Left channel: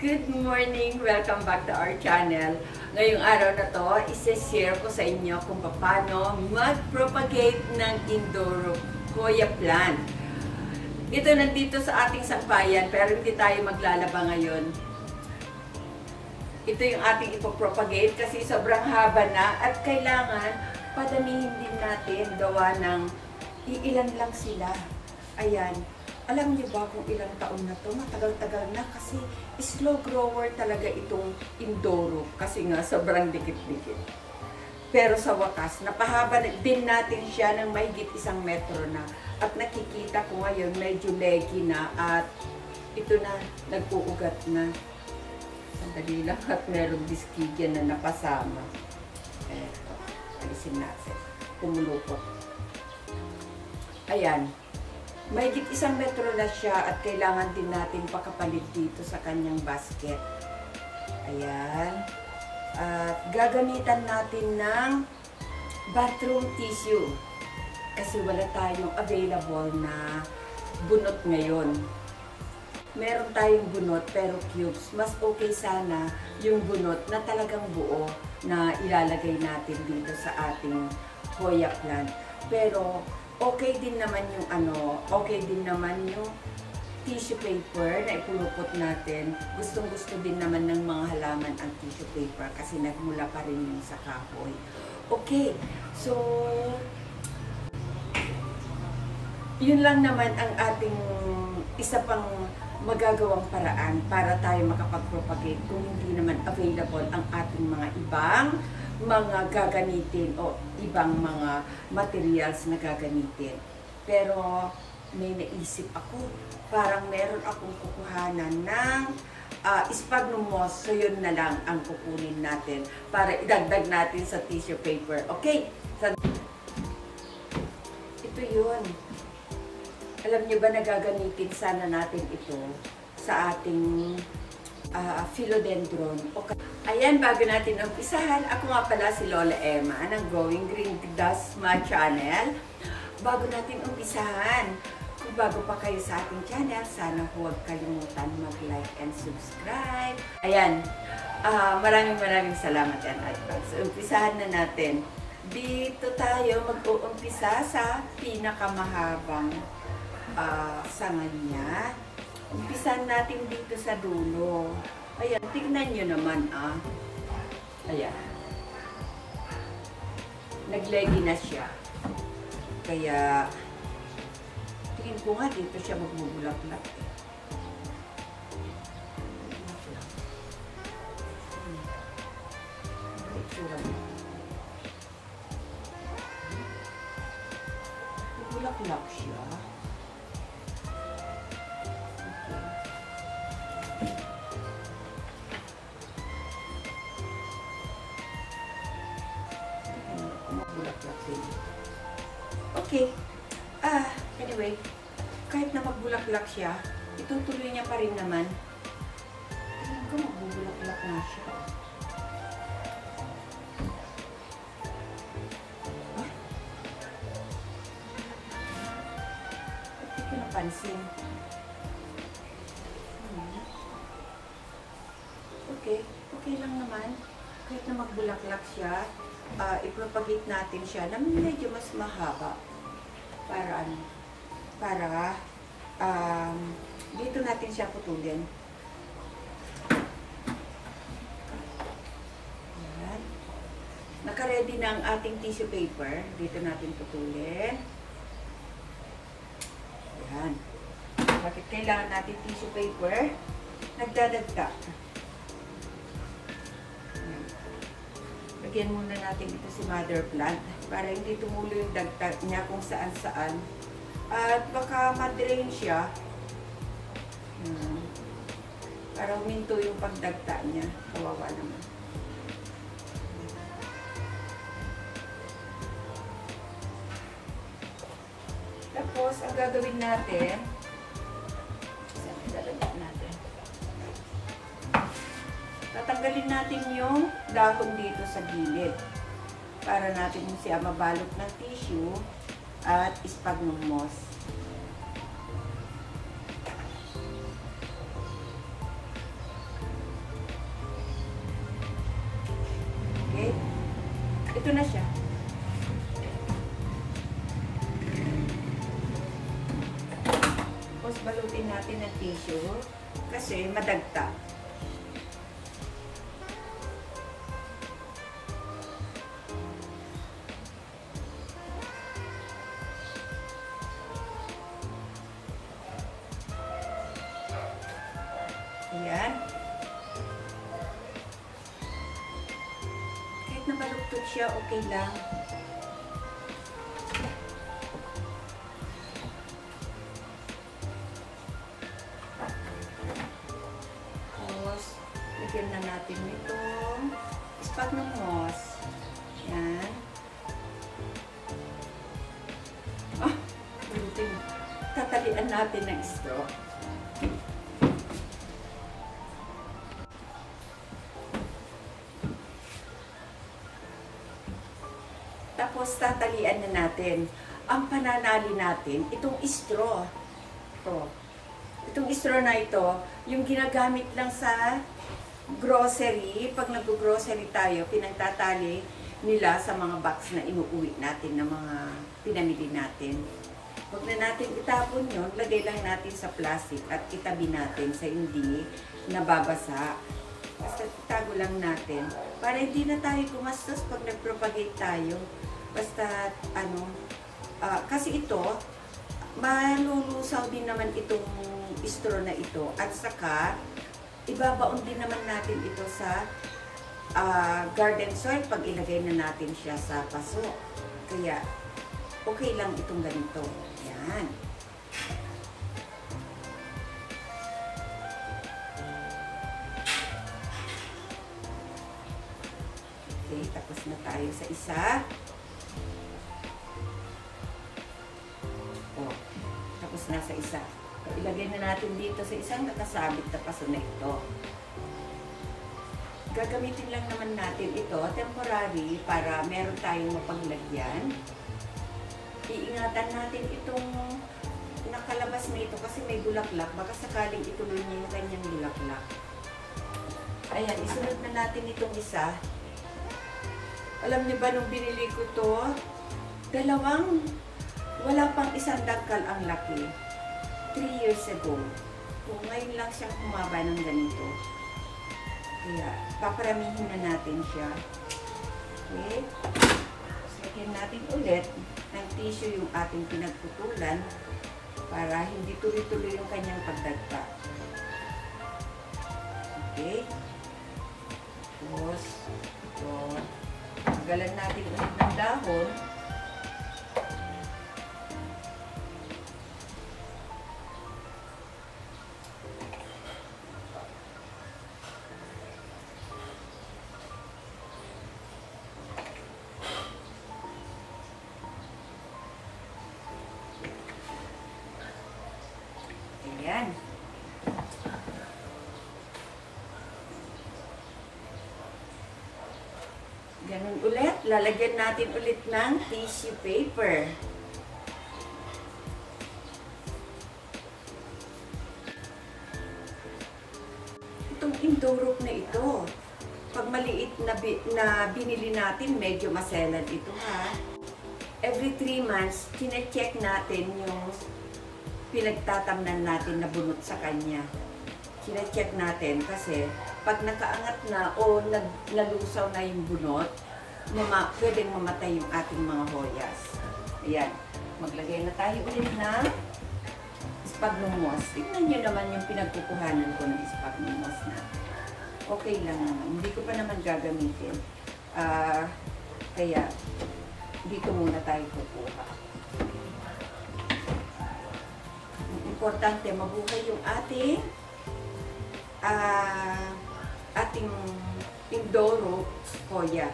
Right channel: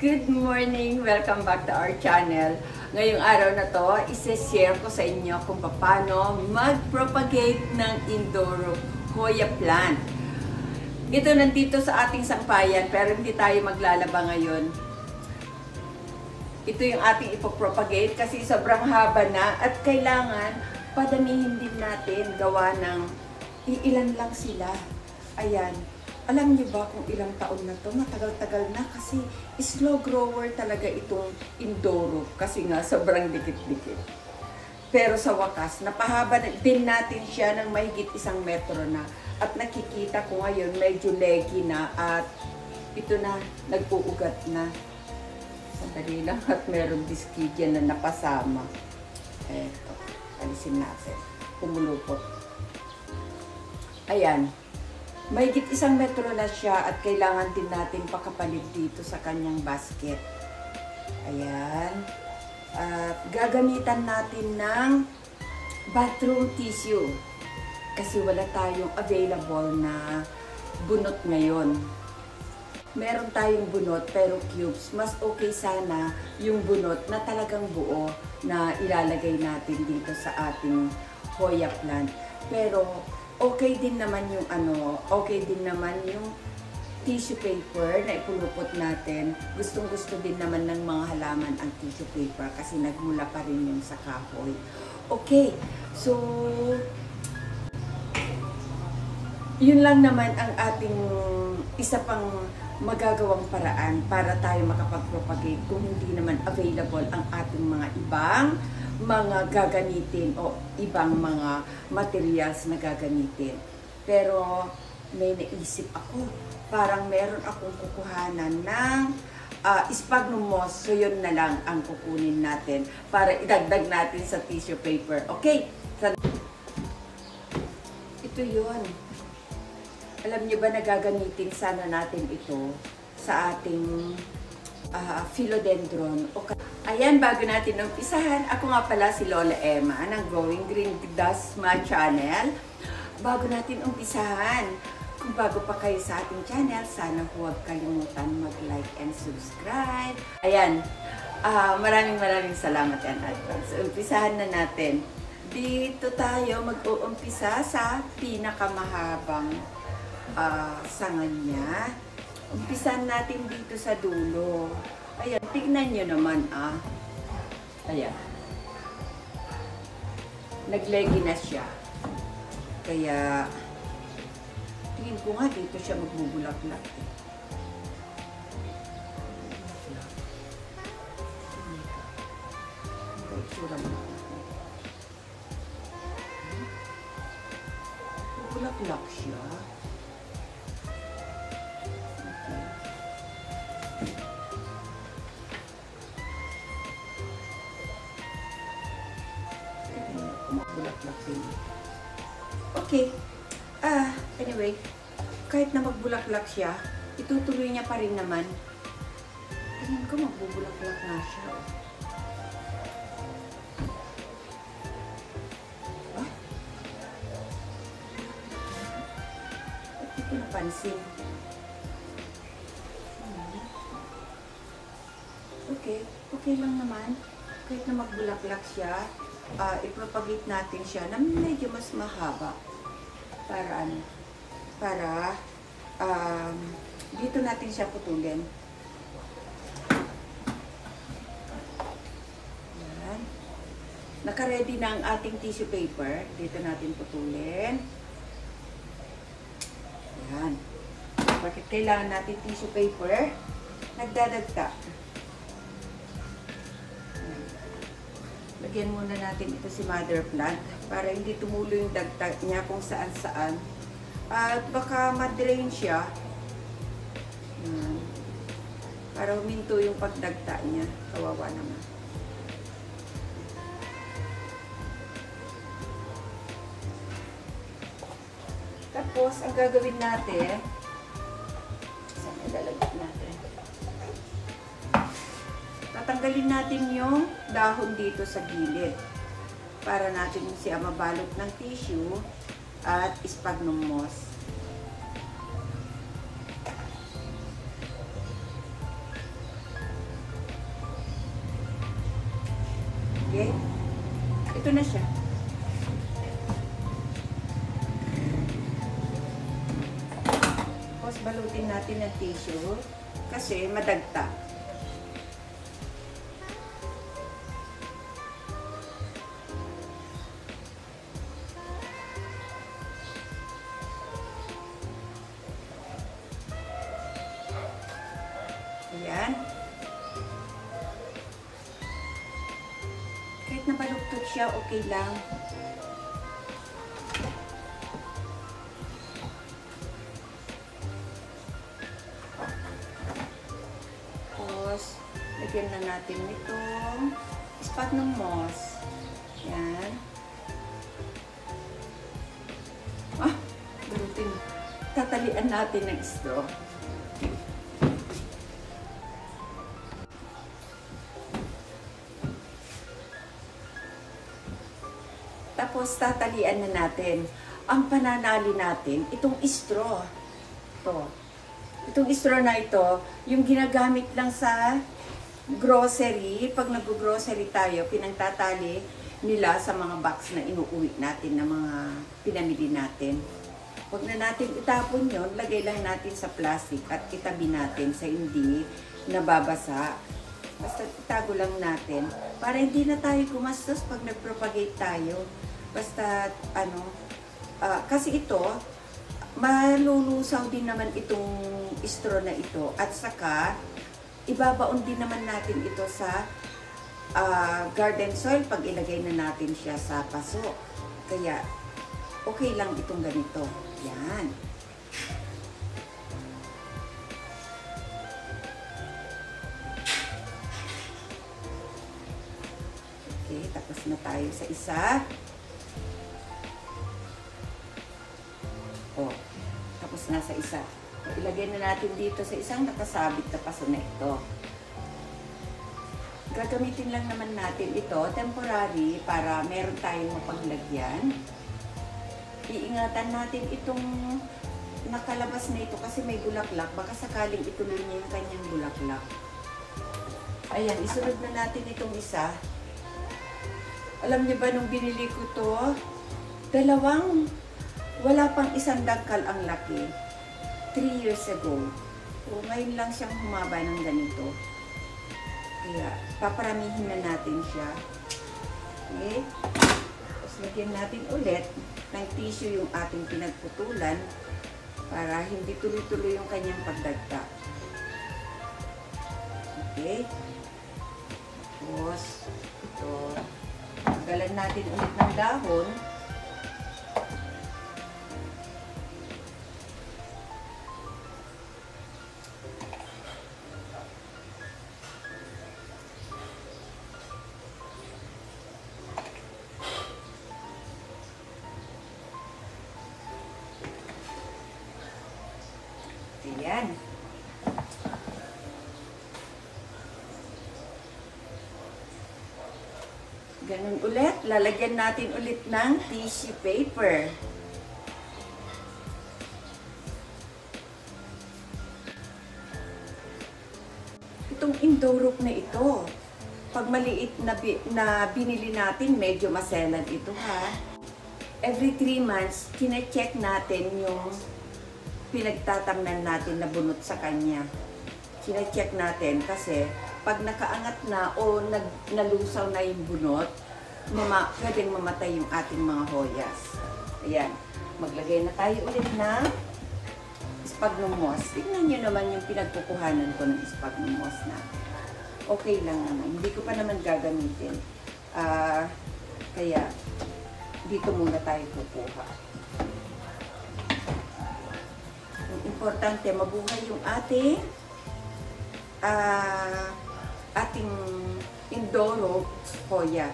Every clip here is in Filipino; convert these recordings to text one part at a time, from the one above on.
Good morning! Welcome back to our channel. Ngayong araw na to, isi-share ko sa inyo kung paano mag-propagate ng indoor Hoya plant. Ito nandito sa ating sampayan pero hindi tayo maglalaba ngayon. Ito yung ating ipopropagate kasi sobrang haba na at kailangan padamihin din natin gawa ng ilan lang sila. Ayan. Alam niyo ba kung ilang taon na to? Matagal-tagal na kasi slow grower talaga itong Indoro kasi nga sobrang dikit-dikit. Pero sa wakas, napahaba din natin siya ng mahigit 1 metro na. At nakikita ko ngayon medyo leggy na at ito na, nag-uugat na. Sandali lang at meron biskidya na napasama. Eto, alisin natin. Pumulupot. Ayan. Mahigit 1 metro na siya at kailangan din natin pakapalit dito sa kanyang basket. Ayan. At gagamitan natin ng bathroom tissue. Kasi wala tayong available na bunot ngayon. Meron tayong bunot pero cubes. Mas okay sana yung bunot na talagang buo na ilalagay natin dito sa ating Hoya plant. Pero okay din naman yung tissue paper na ipulupot natin. Gustong-gusto din naman ng mga halaman ang tissue paper kasi nagmula pa rin yung sa kahoy. Okay, so yun lang naman ang ating isa pang magagawang paraan para tayo makapag-propagate kung hindi naman available ang ating mga ibang mga gagamitin o ibang mga materials na gagamitin. Pero may naisip ako, parang meron akong kukuhanan ng sphagnum moss. So yun na lang ang kukunin natin para idagdag natin sa tissue paper. Okay? Ito yun. Alam niyo ba na gagamitin sana natin ito sa ating philodendron. Ayan, bago natin umpisahan, ako nga pala si Lola Emma ng Growing Green Dasma Channel. Bago natin umpisahan, kung bago pa kayo sa ating channel, sana huwag kalimutan mag-like and subscribe. Ayan, maraming salamat and advance. Umpisahan na natin. Dito tayo mag-uumpisa sa pinakamahabang sangan niya. Umpisan natin dito sa dulo. Ayan, tignan nyo naman Ayan. Nagleggy na siya. Kaya, tingin ko nga dito siya magbubulak-lak. Magbulak-lak siya. Okay. Anyway, kahit na magbulaklak siya, itutuloy niya pa rin naman. Tingin ko magbubulaklak na siya. Hindi ko napansin. Okay. Okay lang naman. Kahit na magbulaklak siya, ipropagate natin siya na medyo mas mahaba para dito natin siya putulin. Ayan. Naka-ready na ang ating tissue paper. Dito natin putulin. Ayan. Bakit kailangan natin tissue paper? Nagdadagta. Lagyan muna natin ito si mother plant para hindi tumulo yung dagta niya kung saan-saan. At baka ma-drain siya. Para huminto yung pagdagta niya. Kawawa naman. Tapos, ang gagawin natin, saan ilalagay natin? Tatanggalin natin yung dahon dito sa gilid para natin siya mabalot ng tissue at sphagnum moss. Okay? Ito na siya. Tapos balutin natin ng tissue kasi madagta. Ayan. Kahit nabaluktot siya, okay lang. Tapos, lagyan na natin itong sphagnum moss. Ayan. Balutin. Tatalian natin ng straw. Tapos, tatalian na natin. Ang pananali natin, itong straw. Itong straw na ito, yung ginagamit lang sa grocery. Pag nag-grocery tayo, pinagtatali nila sa mga box na inuuwi natin na mga pinamili natin. Huwag na natin itapon yun, lagay lang natin sa plastic at itabi natin sa hindi nababasa. Basta itago lang natin para hindi na tayo gumastos pag nag-propagate tayo. Basta, kasi ito, malulusaw din naman itong straw na ito. At saka, ibabaon din naman natin ito sa garden soil pag ilagay na natin siya sa paso. Kaya, okay lang itong ganito. Yan. Okay, tapos na tayo sa isa. Tapos na sa isa. Ilagay na natin dito sa isang nakasabit na paso na ito. Gagamitin lang naman natin ito, temporary, para meron tayong mapaglagyan. Iingatan natin itong nakalabas na ito kasi may bulaklak. Baka sakaling ituloy niya yung kanyang bulaklak. Ayan, isunod na natin itong isa. Alam niyo ba nung binili ko to, wala pang isang dagkal ang laki. 3 years ago. So, ngayon lang siyang humaba ng ganito. Kaya, paparamihin na natin siya. Okay? Tapos, lagyan natin ulit ng tissue yung ating pinagputulan para hindi tuloy-tuloy yung kanyang pagdagta. Okay? Tapos, ito. Galan natin ulit ng dahon. Ayan. Ganun ulit. Lalagyan natin ulit ng tissue paper. Itong Indorok na ito, pag maliit na binili natin, medyo maselan ito ha. Every 3 months, kine-check natin yung pinagtatamnan natin na bunot sa kanya. Kine-check natin kasi pag nakaangat na o nalusaw na yung bunot, pwedeng mamatay yung ating mga hoyas. Ayan. Maglagay na tayo ulit na sphagnum moss. Tignan nyo naman yung pinagkukuhanan ko ng sphagnum moss na. Okay lang naman. Hindi ko pa naman gagamitin. Kaya, dito muna tayo kukuha. Importante, mabuhay yung ating Indorok hoya.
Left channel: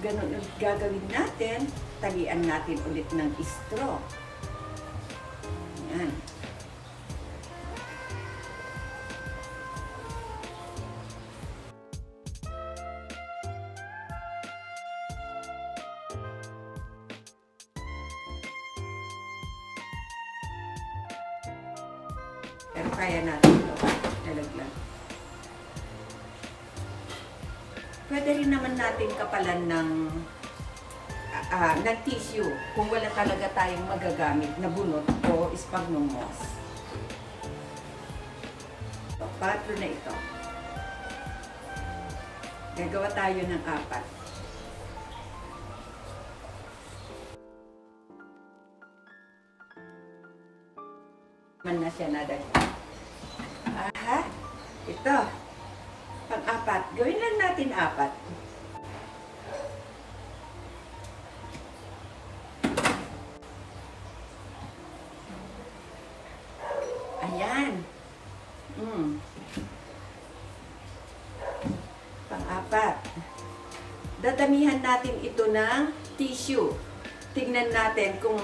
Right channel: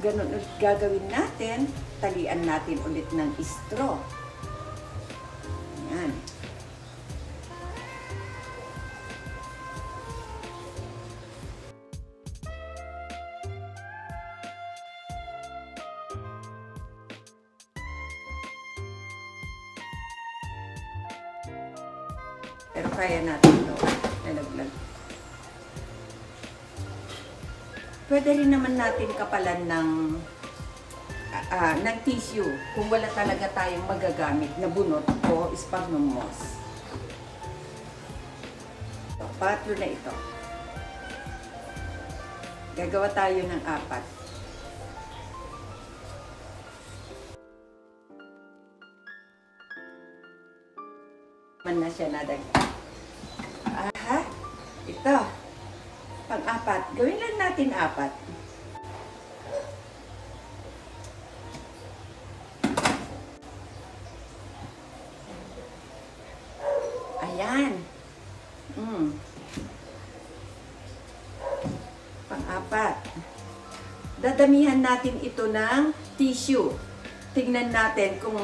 Ganun ulit gagawin natin. Talian natin ulit ng straw. Ayan. Pero kaya natin ito. Nalaglag. Pwede rin naman natin kapalan ng tissue kung wala talaga tayong magagamit na bunot o sphagnum moss. So, 4 na ito. Gagawa tayo ng 4. Man na siya nadagdag. Aha, ito. Pang-4. Gawin lang natin 4. Ayan. Pang-4. Dadamihan natin ito ng tissue. Tignan natin kung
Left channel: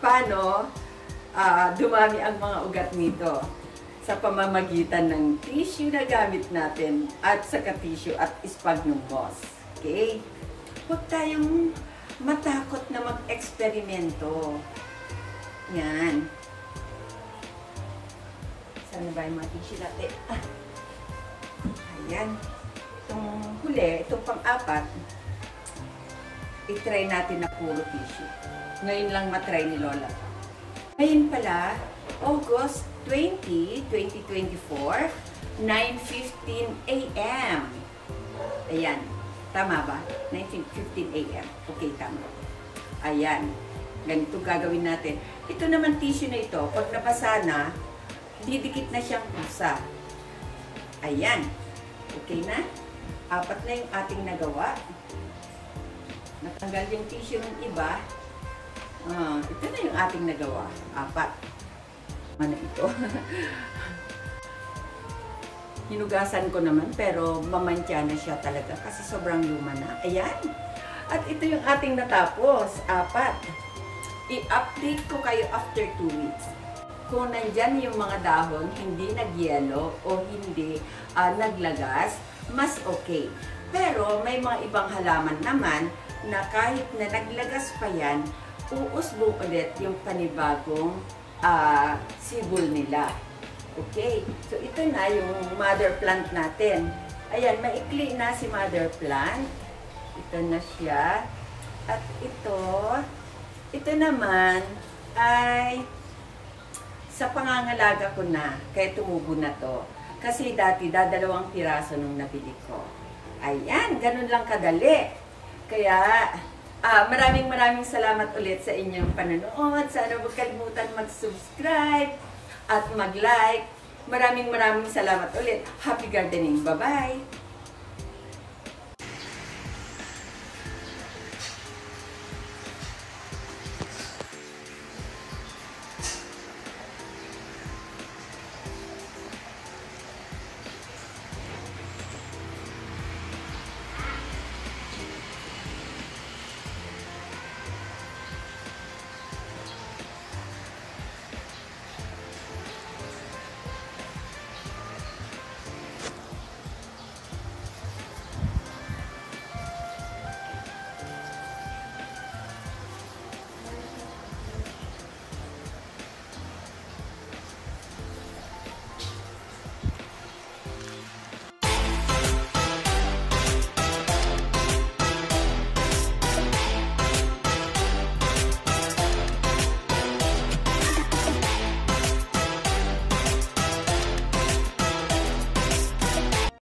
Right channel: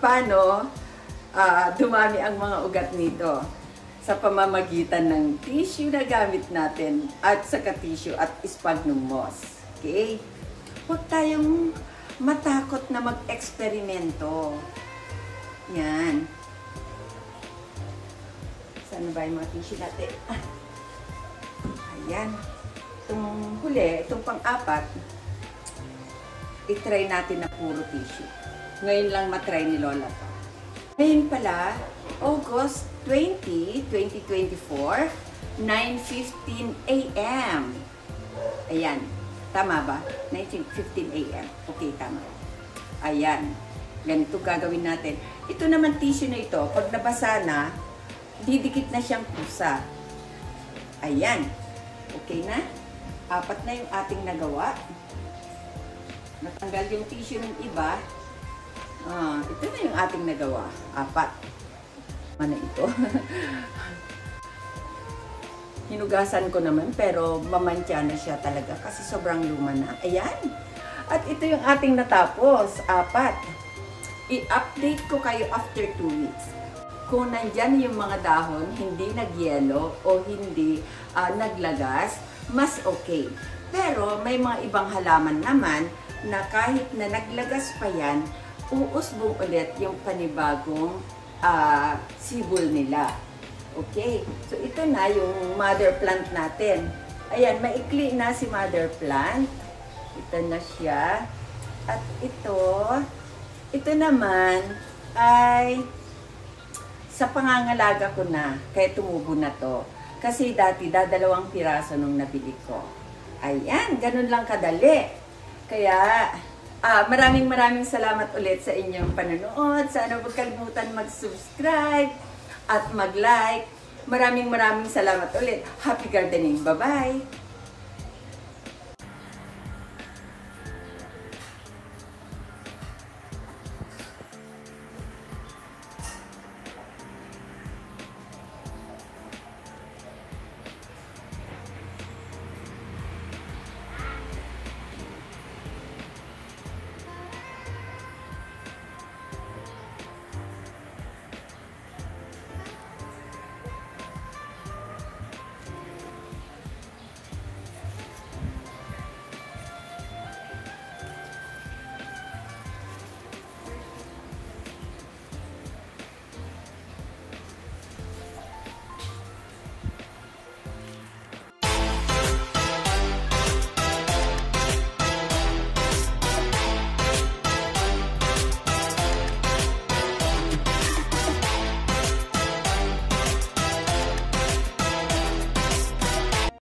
paano dumami ang mga ugat nito sa pamamagitan ng tissue na gamit natin at saka tissue at sphagnum moss. Okay? Huwag tayong matakot na mag-eksperimento. Yan. Saan ba yung mga tissue natin? Ayan. Itong huli, itong pang-4, i-try natin na puro tissue. Ngayon lang matry ni Lola. Ngayon pala, August 20, 2024, 9:15 a.m. Ayan. Tama ba? 9:15 a.m. Okay, tama. Ayan. Ganito gagawin natin. Ito naman tissue na ito, pag nabasa na, didikit na siyang pusa. Ayan. Okay na? 4 na yung ating nagawa. Natanggal yung tissue ng iba. Ito na yung ating nagawa. 4. Ano ito? Hinugasan ko naman pero mamantya na siya talaga kasi sobrang luma na. Ayan. At ito yung ating natapos. 4. I-update ko kayo after 2 weeks. Kung nandyan yung mga dahon, hindi nagyelo o hindi naglagas, mas okay. Pero may mga ibang halaman naman na kahit na naglagas pa yan, uusbong ulit yung panibagong sibol nila. Okay? So, ito na yung mother plant natin. Ayan, maikli na si mother plant. Ito na siya. At ito naman ay sa pangangalaga ko na, kaya tumubo na to. Kasi dati, 2 piraso nung nabili ko. Ayan, ganun lang kadali. Kaya, maraming salamat ulit sa inyong panonood. Sana huwag kalimutan mag-subscribe at mag-like. Maraming salamat ulit. Happy gardening. Bye-bye!